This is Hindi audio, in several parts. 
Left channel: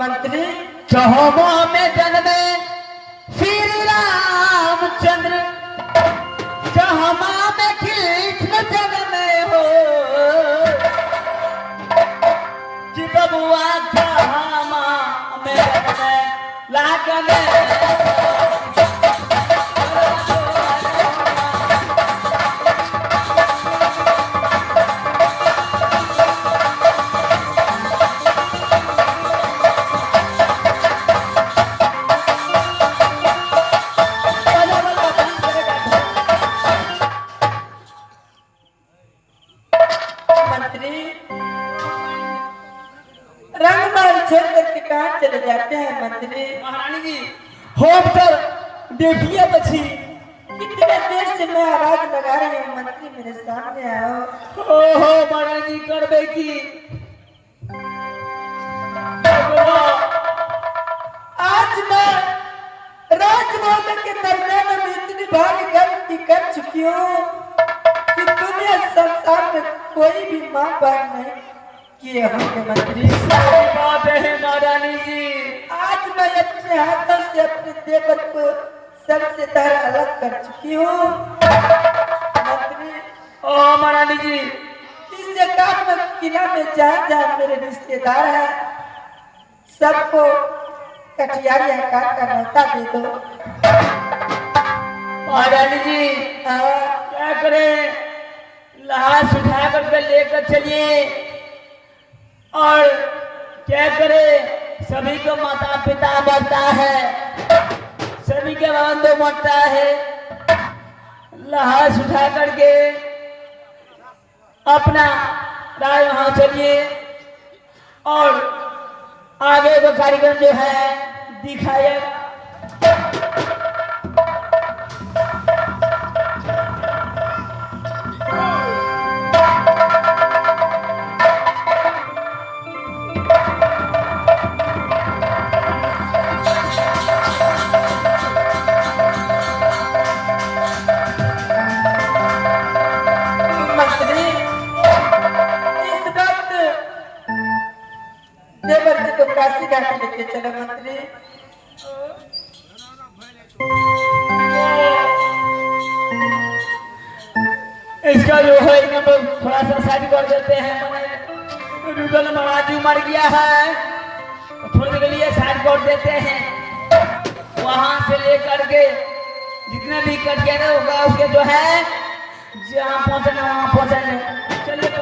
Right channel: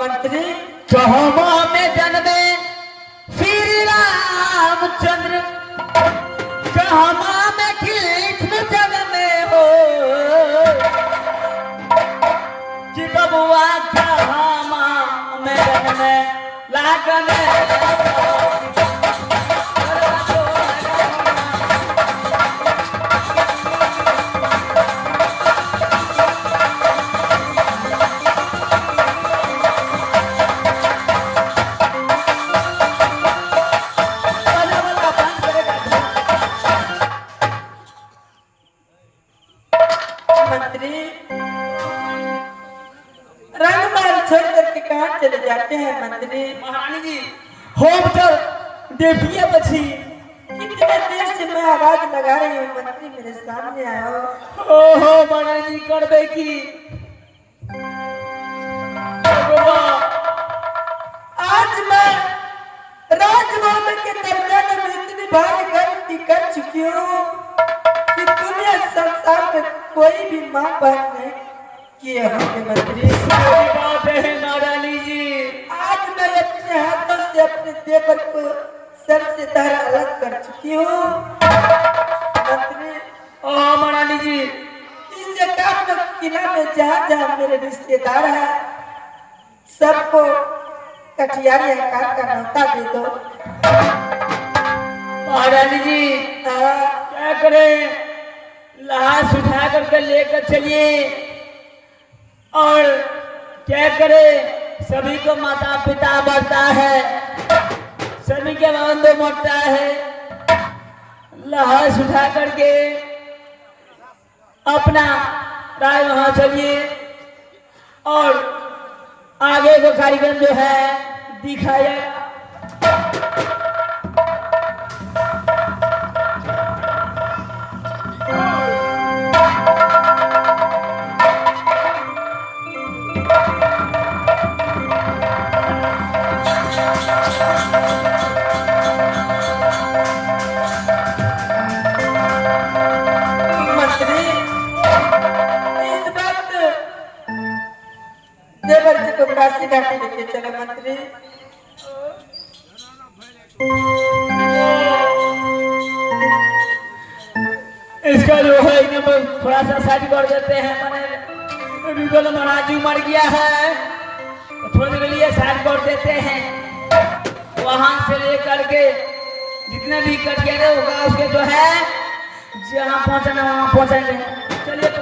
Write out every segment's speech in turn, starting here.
मंत्री चौमा में जन्मे श्री रामचंद्र, चौमा में कृष्ण जन्मे हो कि बबुआ चौमा में जन्मे लागने चले जाते हैं मंत्री। महारानी जी होम तर देविया बची कितने देर से मैं आवाज लगा रही हूँ मंत्री मेरे सामने आओ। ओहो महारानी जी कर दे की आज मैं राजभवन के दरबार में इतनी भारी गलती कर चुकी हूँ कि दुनिया संसार में कोई भी मां बाप नहीं किए होंगे मंत्री। बात है महारानी जी, आज मैं अपने हाथों से अपने देवर को सर से धर अलग कर चुकी हूँ मंत्री। ओह महारानी जी इससे काम किला में जहाँ जहाँ मेरे रिश्तेदार हैं सबको कटियारी आकार का न्योता दे दो। महारानी जी क्या करें, लाश उठा करके लेकर चलिए और क्या करे, सभी को माता पिता बढ़ता है, सभी के बांधो मरता है, लाश उठा करके अपना राज वहां चलिए और आगे का कार्यक्रम जो है दिखाएगा। काशी घाटी लेके चलो मंत्री। इसका जो है नंबर थोड़ा सा साइड कर देते हैं, मैंने महाराज जी मर गया है तो थोड़ी देर के लिए साइड कर देते हैं, वहां से लेकर के जितने भी कटियारे होगा उसके जो है जहाँ पहुंचना वहां पहुंचेंगे। चलिए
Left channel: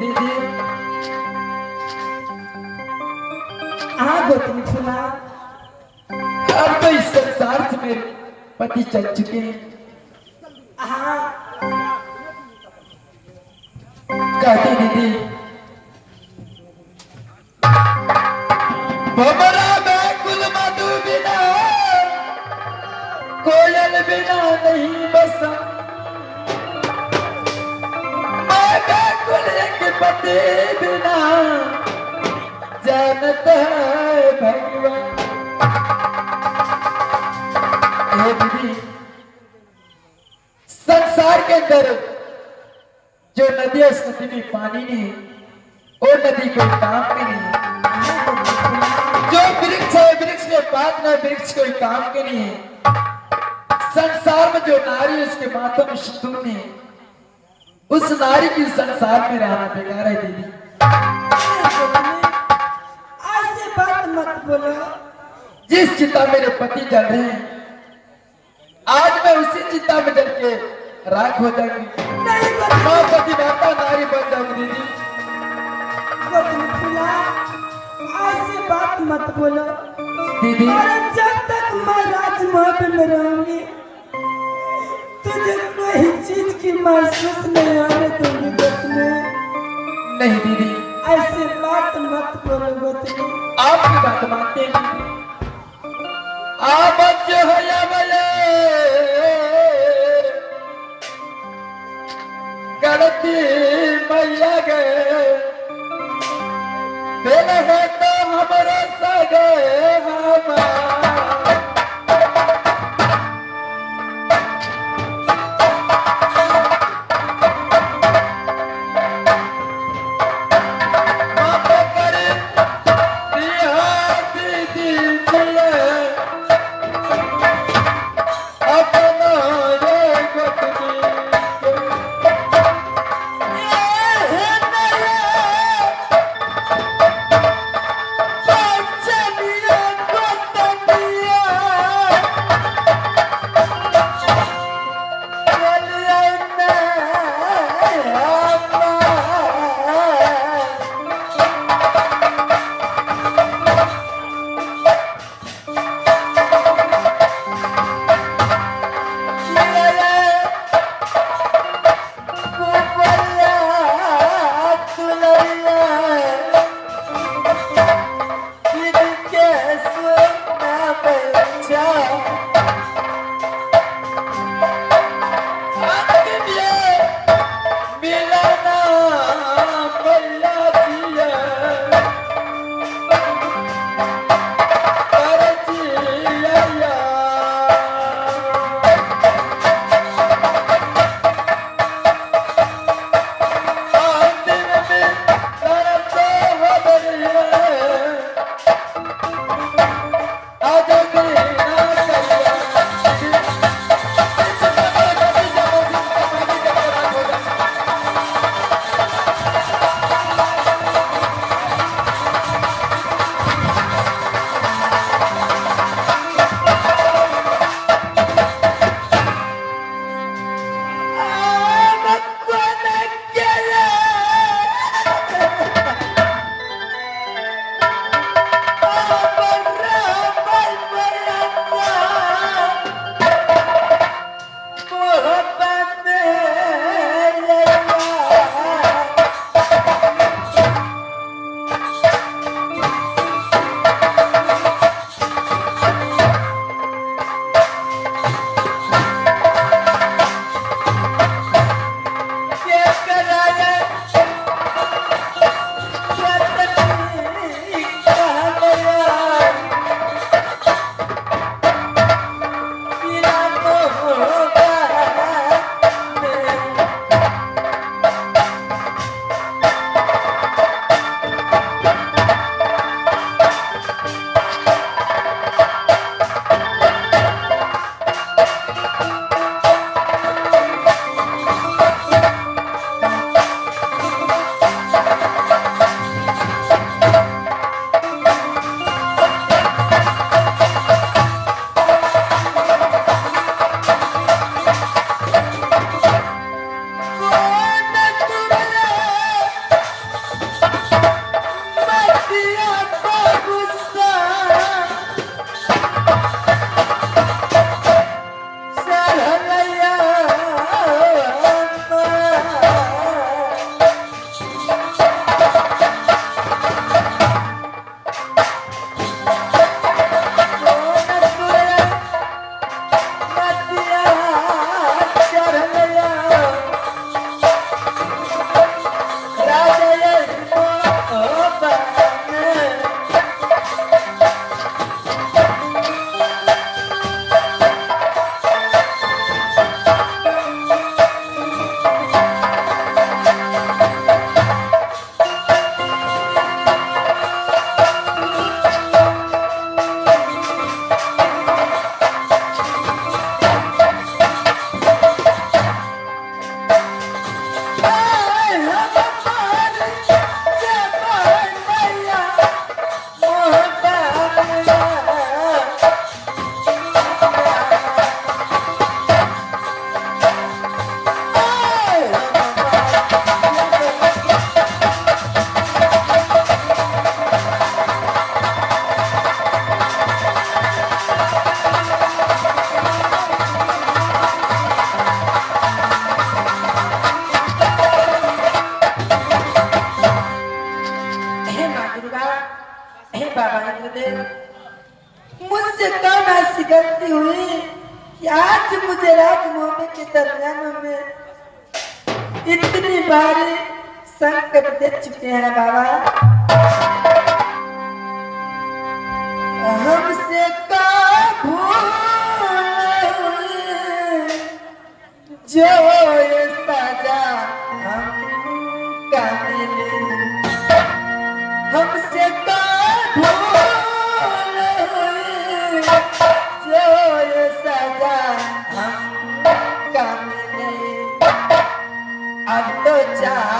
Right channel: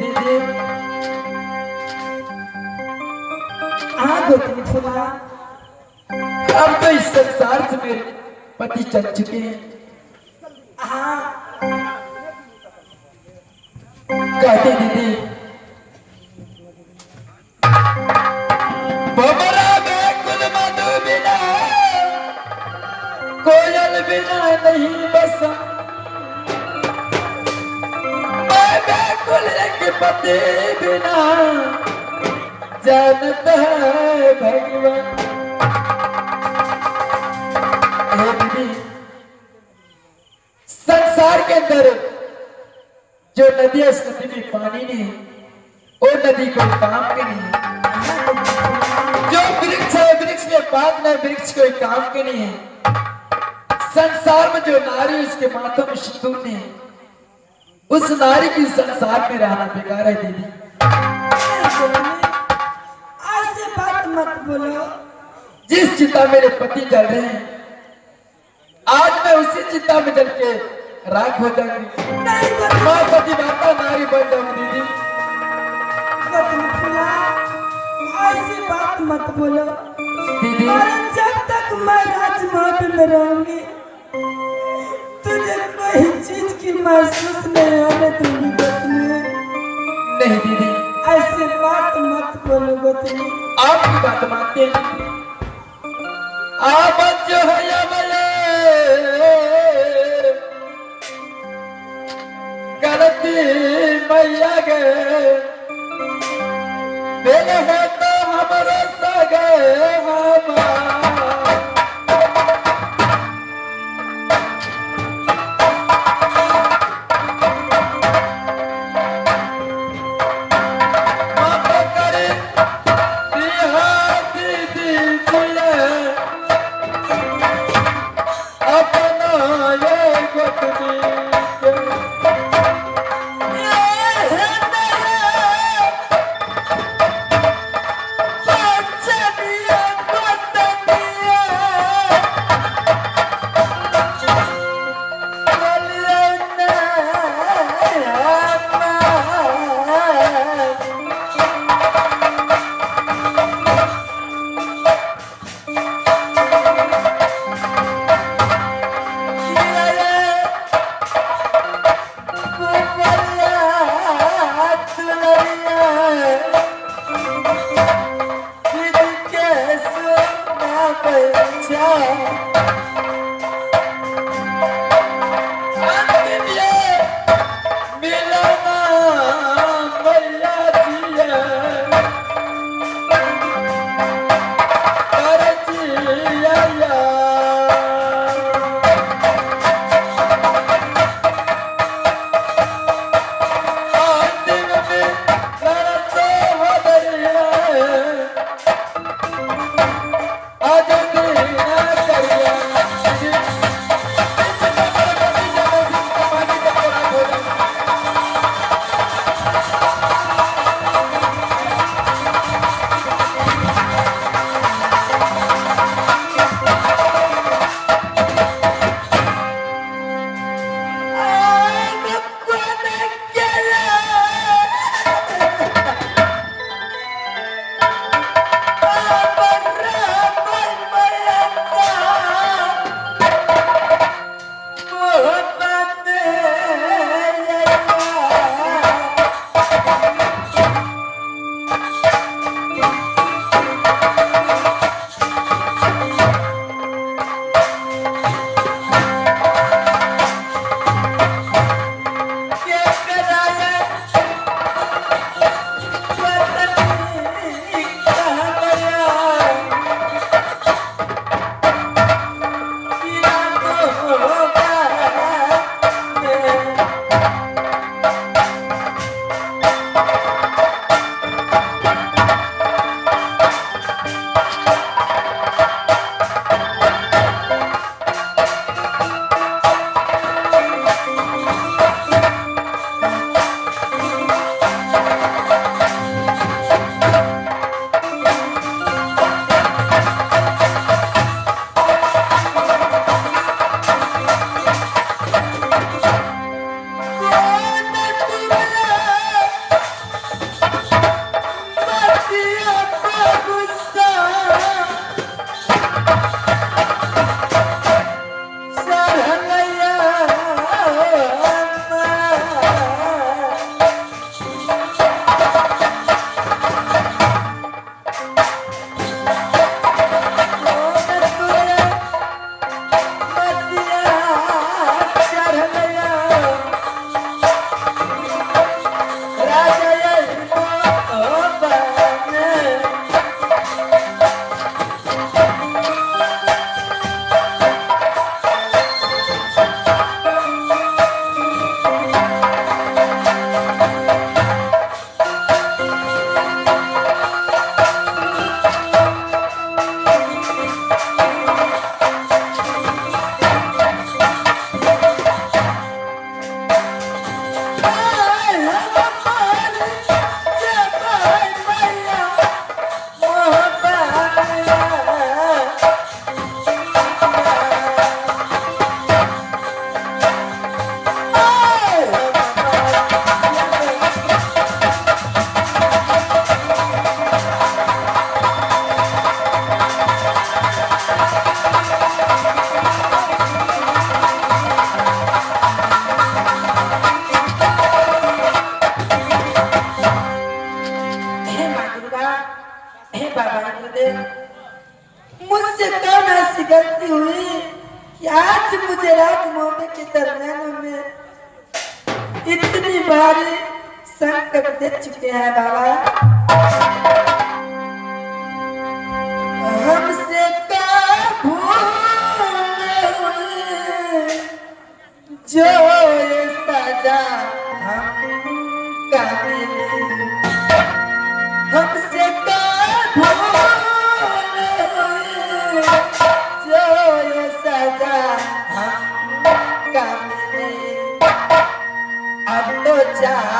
दीदी हाँ गोतनी फुला अब तो इस संसार से मेरे पति चल चुके हैं। हाँ कहते दीदी भमरा बैकुल मधु बिना कोयल बिना नहीं बसा मैं बैकुल एक पति बिना जानता है भगवान। हे दीदी संसार के अंदर जो नदी है उस नदी में पानी नहीं और नदी कोई काम के नहीं है। जो वृक्ष है वृक्ष के पात में वृक्ष कोई काम के नहीं है। संसार में जो नारी है उसके माथों में सिंदूर नहीं है। उस नारी की संसार में रहना बेकार है दीदी। ऐसे बात मत बोलो। जिस चिता मेरे पति जल रहे हैं आज मैं उसी चिता में जल के राख हो जाऊंगी। माँ पति माता नारी बन जाऊंगी दीदी। ऐसी बात मत बोलो दीदी। और जब तक मैं राजमहल में रहूंगी तुझे कोई चीज की महसूस नहीं आने दूंगी गोतनी। नहीं दीदी ऐसी बात मत बोलो गोतनी। आपकी बात मानते हैं। आप जो है करती मैया गए मेरे है तो हमारे सगे दे। मुझसे कौन ऐसी गलती हुई कि आज मुझे राज मोहब्बत के दरमियान में इतनी भारी संकट दे चुके हैं बाबा। हमसे का भूल हुई, जो ये सजा हमका मिली। हमसे का भूल हुई, जो ये सजा हमका मिली। अब तो चाह